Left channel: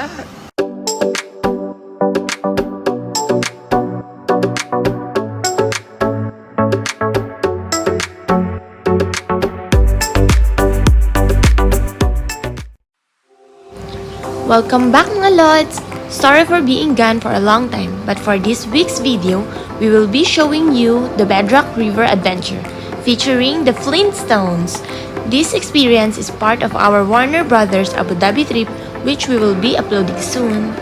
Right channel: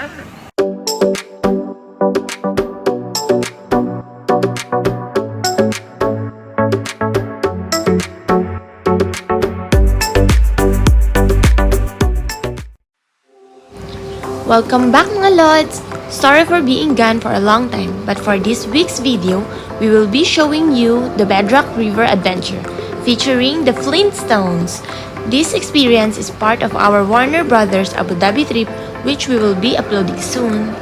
Welcome back mga Lods! Sorry for being gone for a long time, but for this week's video, we will be showing you the Bedrock River Adventure featuring the Flintstones. This experience is part of our Warner Bros. Abu Dhabi trip, which we will be uploading soon.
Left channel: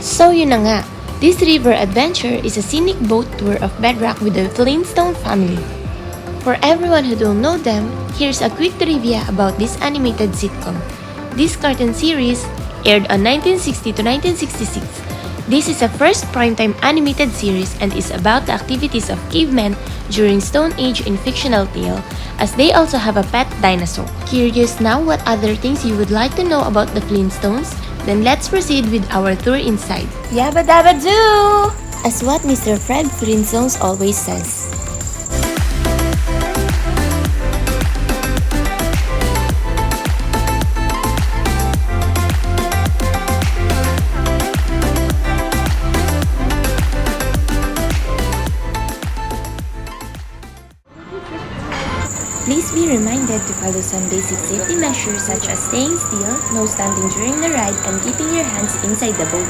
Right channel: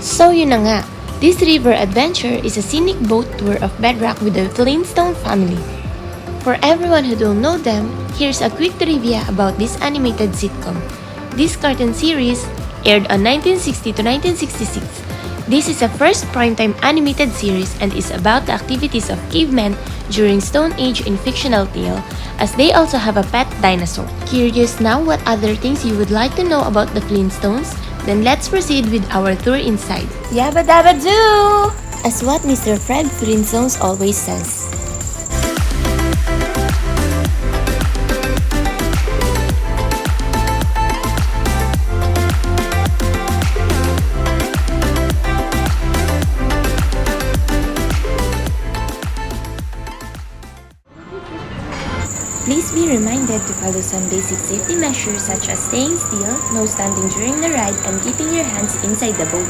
So yun na nga, this river adventure is a scenic boat tour of Bedrock with the Flintstone family. For everyone who don't know them, here's a quick trivia about this animated sitcom. This cartoon series aired on 1960 to 1966. This is a first primetime animated series and is about the activities of cavemen during Stone Age in fictional tale, as they also have a pet dinosaur. Curious now what other things you would like to know about the Flintstones? Then let's proceed with our tour inside. Yabba-Dabba-Doo! As what Mr. Fred Flintstones always says. Please be reminded to follow some basic safety measures such as staying still, no standing during the ride, and keeping your hands inside the boat.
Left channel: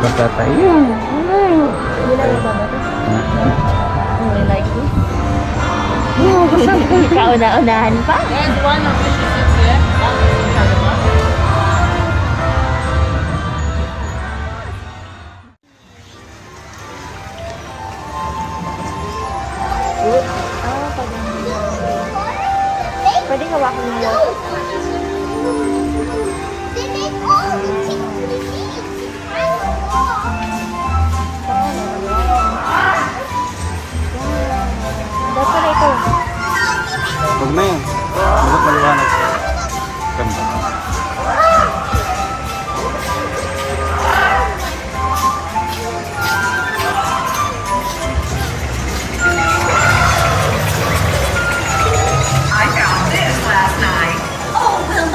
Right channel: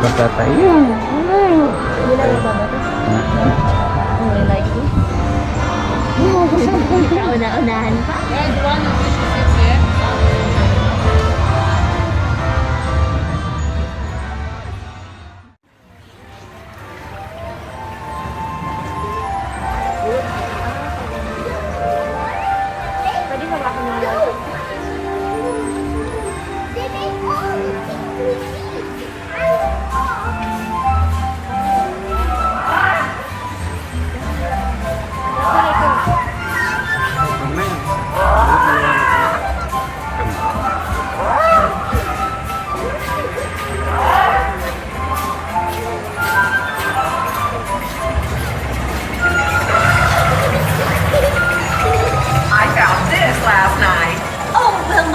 Basta tayo. Kauna-unahan pa? Pwede kawakin mo yun? Huwag na yan. Huwag maliwanag. Ganda.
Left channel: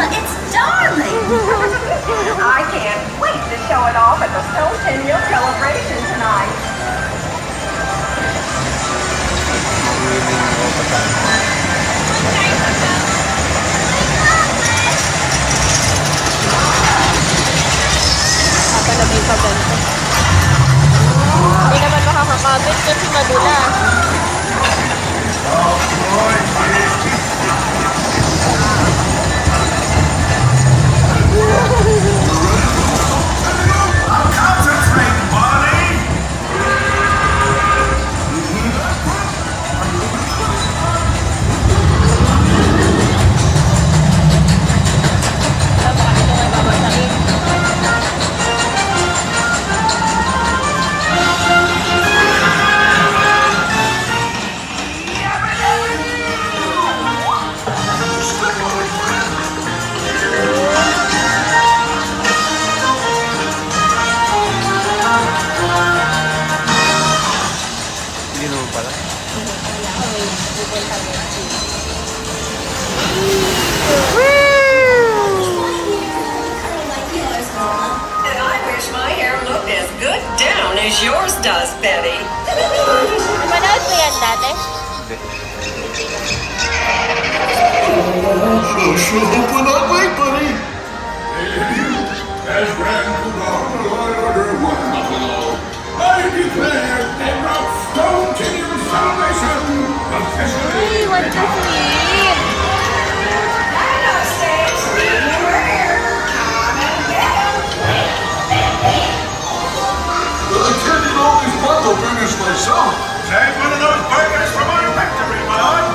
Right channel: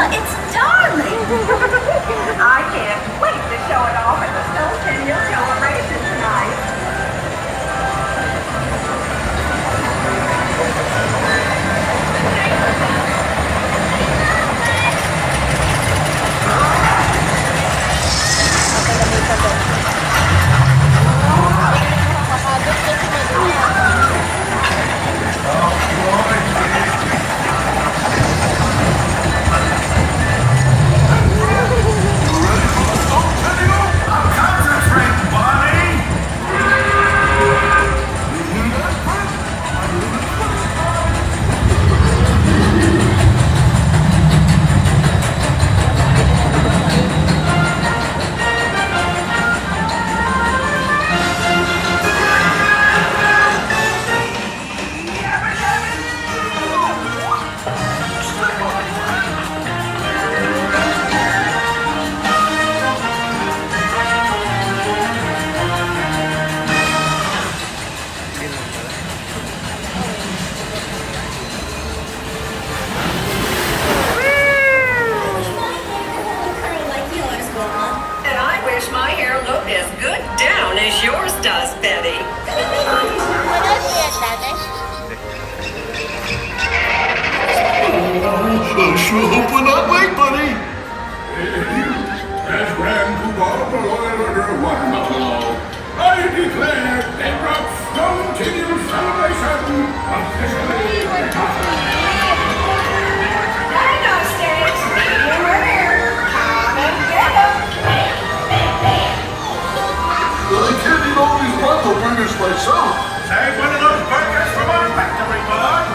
It's darling! I can't wait to show it off at the Stone Centennial celebration tonight. My hair looked as good down as yours does, Betty. Sure hope we're not late, buddy. As Grand Order one I declare Bedrock Stone Centennial celebration officially. Dino sticks, medium rare. Come and get them. Well, I can't eat all these bundle burgers myself. Take one of those burgers from our factory, my lord.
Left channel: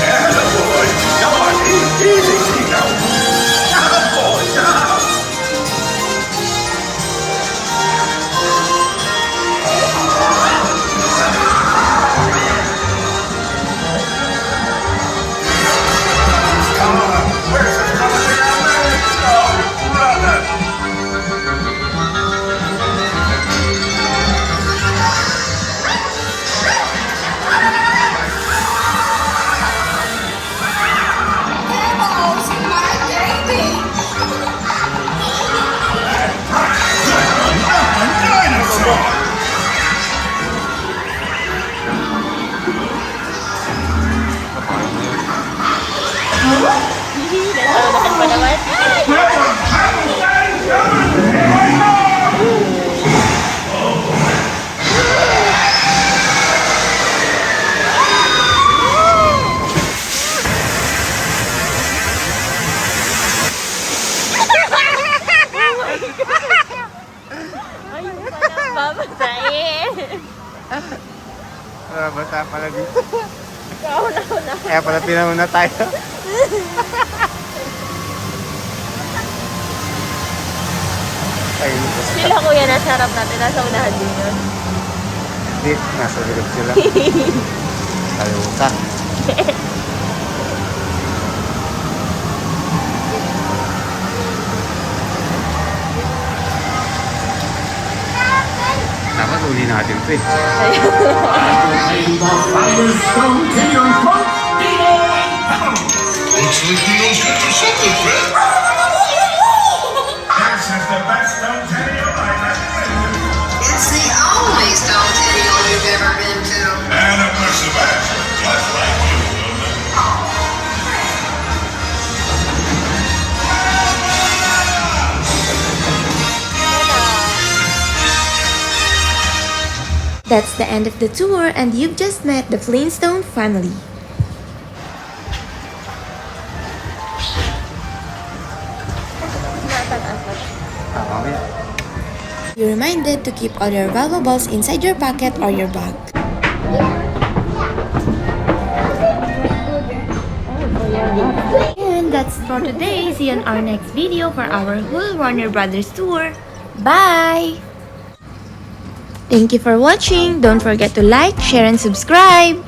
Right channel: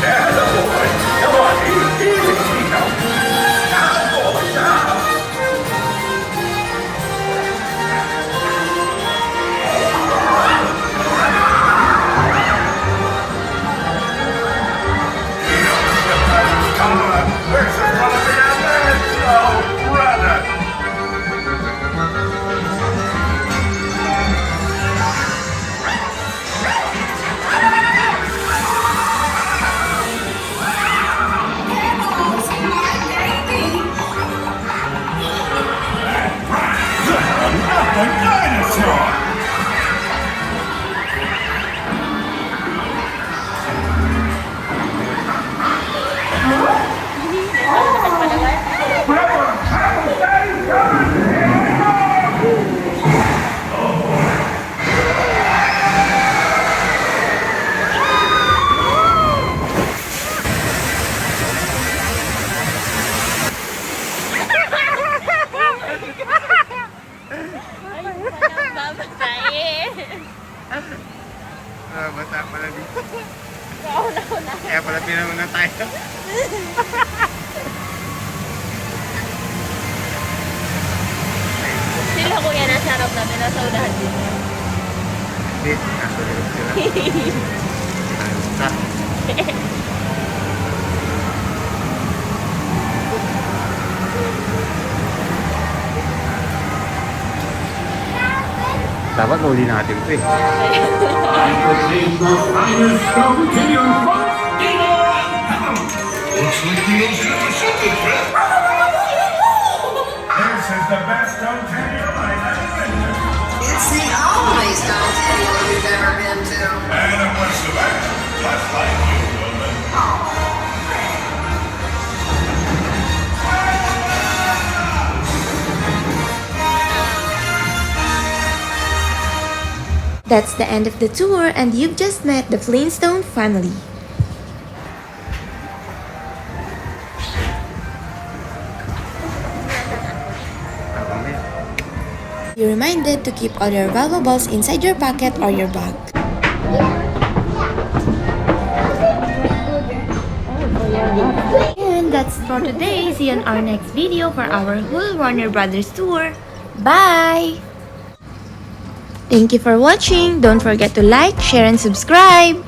Attaboy. Come pala dito. Kaya pala pinauna tayo. Sila kuya, nasa harap natin, nasa unahan dito. Hindi, nasa likod sila. Kalimutan. Dapat uli natin ito eh. Looks like Dino's good for something, Fred. This is the best stone patio I've ever been to. It's the only stone patio you've ever been to. And a bunch of action, just like you, Wilma. That's the end of the tour, and you've just met the Flintstone family. Be reminded to keep all your valuables inside your pocket or your bag. And that's for today. See you on our next video for our whole Warner Brothers tour. Bye! Thank you for watching. Don't forget to like, share, and subscribe.